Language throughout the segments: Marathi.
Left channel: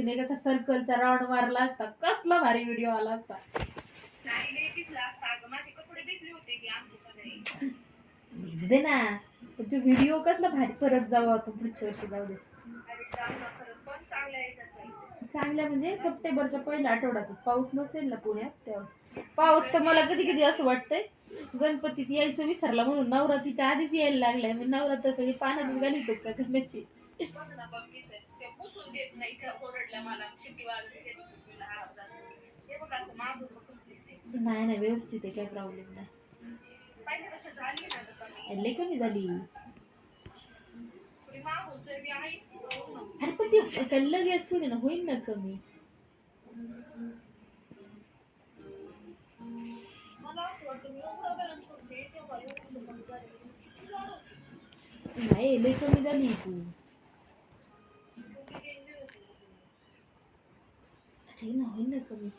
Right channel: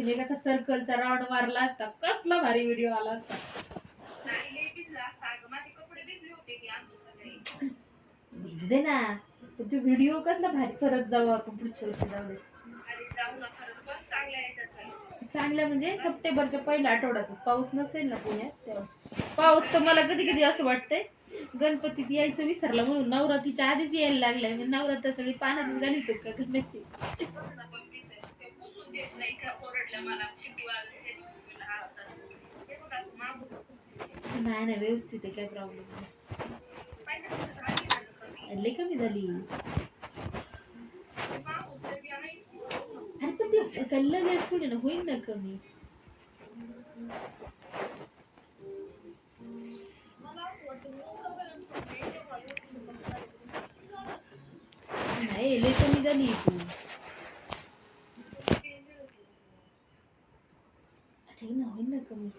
तिने कसा सर्कलचा राऊंड मारला असता, कसला भारी व्हिडिओ आला असता. भिजले ना पण तो व्हिडिओ कसला भारी. परत जाऊ आपण पुढच्या वर्षी, जाऊ दे. चांगलं म्हणजे सप्टेंबरच्या पहिल्या आठवड्यातच पाऊस नसेल ना पुण्यात तेव्हा. पाऊस तर मला कधी कधी असं वाटतंय गणपतीत यायचं विसरला म्हणून नवरात्रीच्या आधीच यायला लागलाय. मी नवरात्र सगळी पाण्यातच घालतो का गणपती. नाही नाही व्यवस्थित आहे, काय प्रॉब्लेम नाही. लई कमी झाली. अरे पण ते काय लगेच थोडी ना होईल ना कमी. नाही लई कमी झाली तू. अरे ना होईल ना कमी.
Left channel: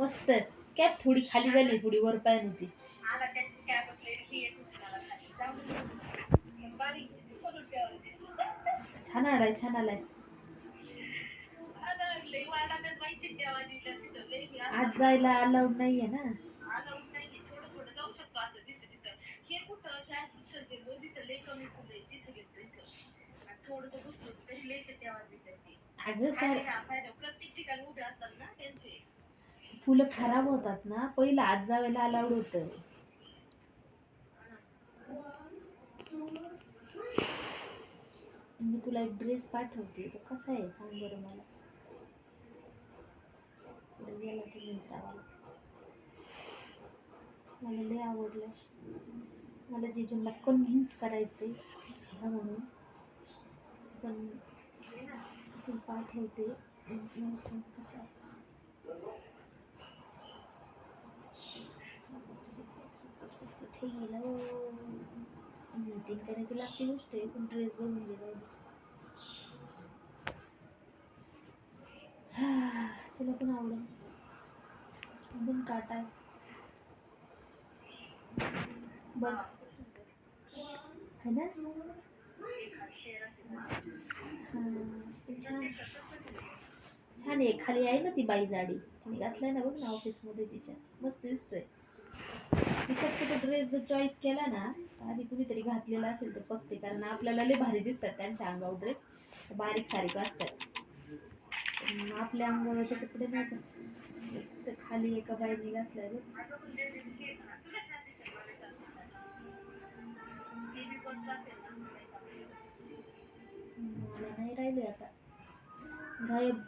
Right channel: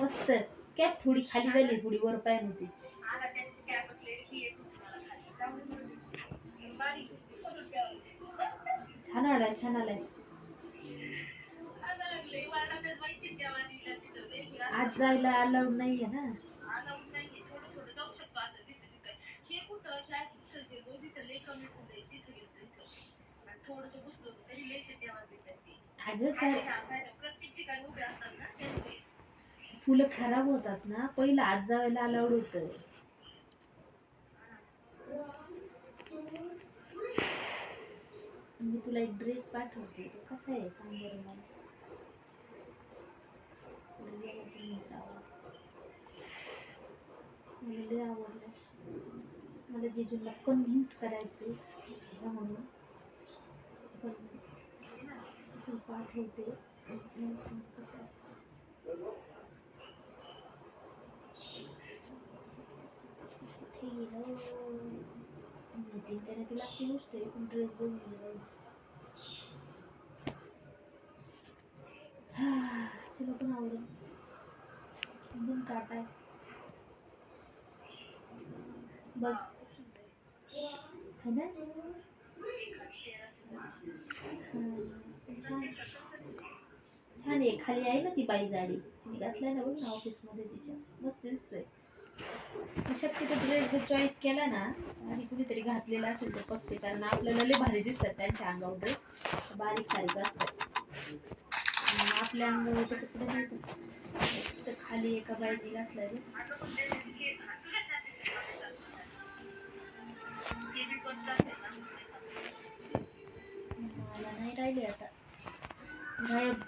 मस्त कॅप थोडी खाली झाली, थोडी वर पाय नव्हती. छान आलाय, छान आलाय. आज जायला अलाउड नाहीये ना. अगं काय फुलं खराब होतात ना, पहिलं आज जायला अलाउड होतं. मी तुला एक ड्रेस पाठवते, तो कसा आहे सांग बरं मला. मला लय आवडलं. मला जिजूला कन्व्हिन्स करायचंय म्हणून, पण चल पाठवते. कसं कुठे गेलं मीटिंग करायची लागची गोष्ट आहे, पण ड्रेस घेऊन गेला. तुला पण आवडेल. एकदम काटा आहे बघ, है ना. छान आहे. खाली आहे ना ती बाई जाडी, तिने घातलाय ना बघ ना ऑफिस मध्ये तिच्या, मस्त दिसतोय. शक्यतो ड्रेस जर चॉईस केला ना आणि कुणीतरी घातलेला असेल तर बघते, कारण आपल्याला लय भारी दिसतात त्यांच्या अंगावर ड्रेस, बारीक सारीक असतात. आपल्या अंगावर ते कपडे नाही. तर खाली एका बाईने घातलाय बघ. मला नाही राहिले आता गायब.